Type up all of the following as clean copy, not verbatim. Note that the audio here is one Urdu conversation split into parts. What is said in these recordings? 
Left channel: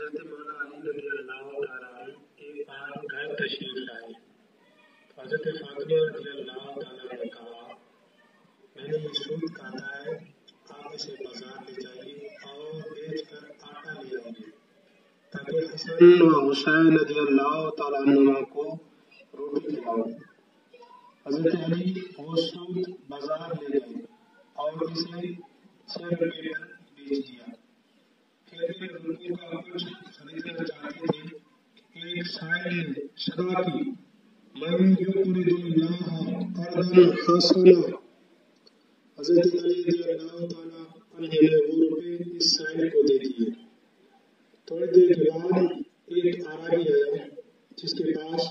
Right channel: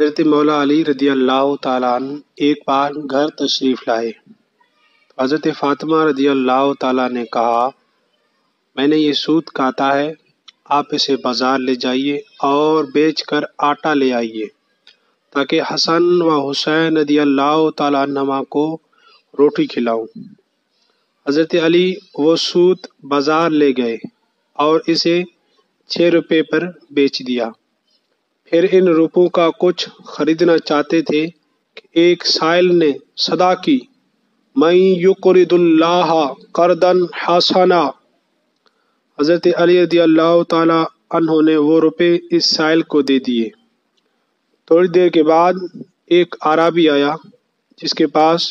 حضرت مولا علی رضی اللہ تعالیٰ عنہ ایک بار گھر تشریف لائے۔ حضرت فاطمہ رضی اللہ تعالیٰ نے کہا، میں نے یہ سوت کاتا ہے، آپ اسے بازار لے جائیے اور بیچ کر آٹا لے آئیے تاکہ حسن و حسین رضی اللہ تعالیٰ عنہما کو روٹی کھلاؤں۔ حضرت علی وہ سوت بازار لے گئے اور اسے 6 روپے پر بیچ دیا۔ پھر ان روپوں کا کچھ خریدنا چاہتے تھے کہ ایک سائل نے صدا کی، من یقرض اللہ قرضا حسنا۔ حضرت علی رضی اللہ تعالیٰ عنہ نے وہ روپے اس سائل کو دے دیے۔ تھوڑی دیر کے بعد ایک اعرابی آیا جس کے پاس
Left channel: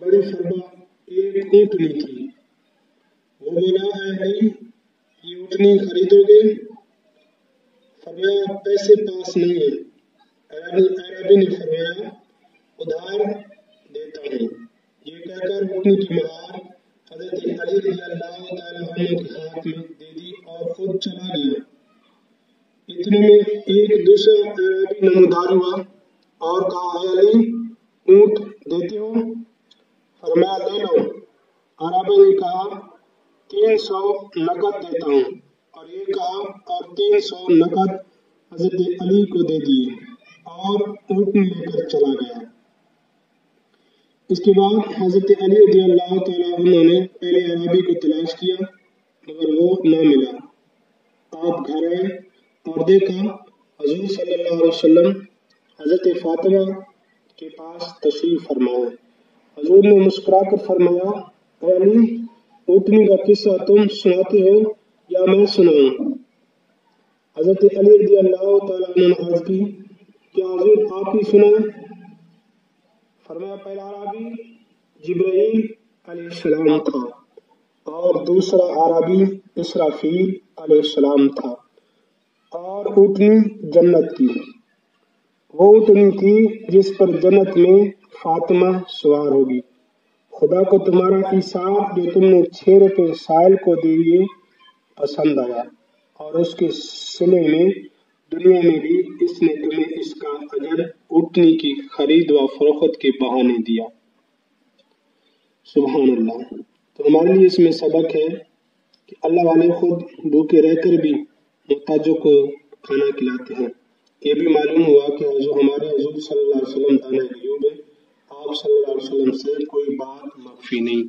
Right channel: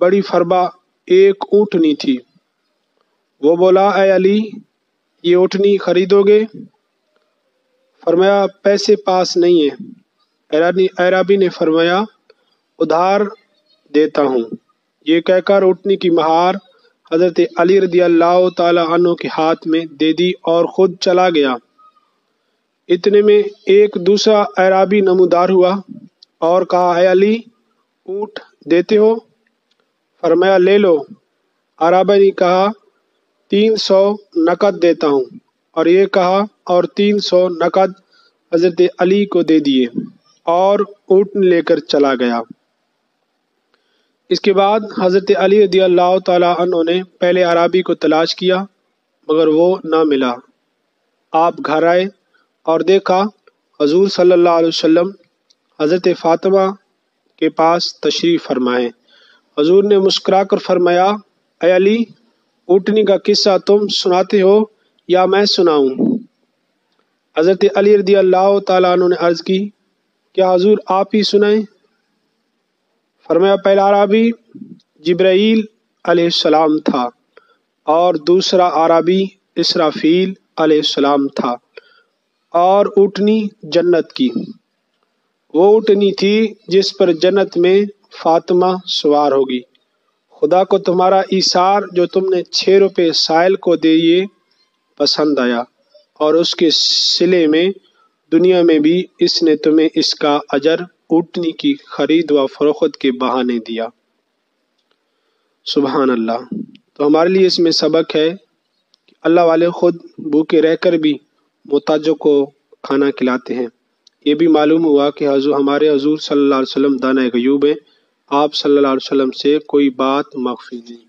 بڑی فربہ ایک اونٹنی تھی۔ وہ بولا، اے علی، یہ اونٹنی خریدو گے؟ فرمایا، پیسے پاس نہیں ہیں۔ اعرابی نے فرمایا، ادھار دیتا ہوں۔ یہ کہہ کر اونٹنی کی مہار حضرت علی رضی اللہ تعالیٰ عنہ کے ہاتھ میں دے دی اور خود چلا گیا۔ اتنے میں ایک دوسرا اعرابی نمودار ہوا اور کہا، اے علی، اونٹ دیتے ہو؟ فرمایا، لے لو۔ اعرابی نے کہا، 300 نقد دیتا ہوں، اور یہ کہا اور 300 نقد حضرت علی کو دے دیے اور اونٹنی لے کر چلا گیا۔ اس کے بعد حضرت علی رضی اللہ تعالیٰ عنہ نے پہلے اعرابی کو تلاش کیا مگر وہ نہ ملا۔ آپ گھر آئے اور دیکھا حضور صلی اللہ علیہ وسلم حضرت فاطمہ کے پاس تشریف فرمائے۔ حضور نے مسکرا کر فرمایا، اے علی، اونٹنی کا قصہ تم سناتے ہو یا میں سناؤں؟ حضرت علی رضی اللہ تعالیٰ عنہ نے عرض کی، کیا حضور آپ ہی سنائیں؟ فرمایا، پہلا اعرابی جبرائیل علیہ السلام تھا اور دوسرا اعرابی اسرافیل علیہ السلام تھا، اور اونٹنی جنت کی، وہ اونٹنی تھی جس پر جنت میں فاطمہ سوار ہوگی۔ خدا کو تمہارا ایثار جو تم نے 6 روپے سائل کو دیے پسند آیا، اور اس کے صلے میں دنیا میں بھی اس نے تمہیں اس کا اجر اونٹنی کی خرید و فروخت کے بہانے دیا۔ سبحان اللہ۔ تو ہمارے لیے اس میں سبق ہے کہ اللہ والے خود بھوکے رہ کر بھی محتاجوں کو کھانا کھلاتے ہیں۔ یہ بھی معلوم ہوا کہ ہمارے حضور صلی اللہ علیہ وسلم دانۂ غیوب ہیں، آپ صلی اللہ علیہ وسلم سے کوئی بات مخفی نہیں۔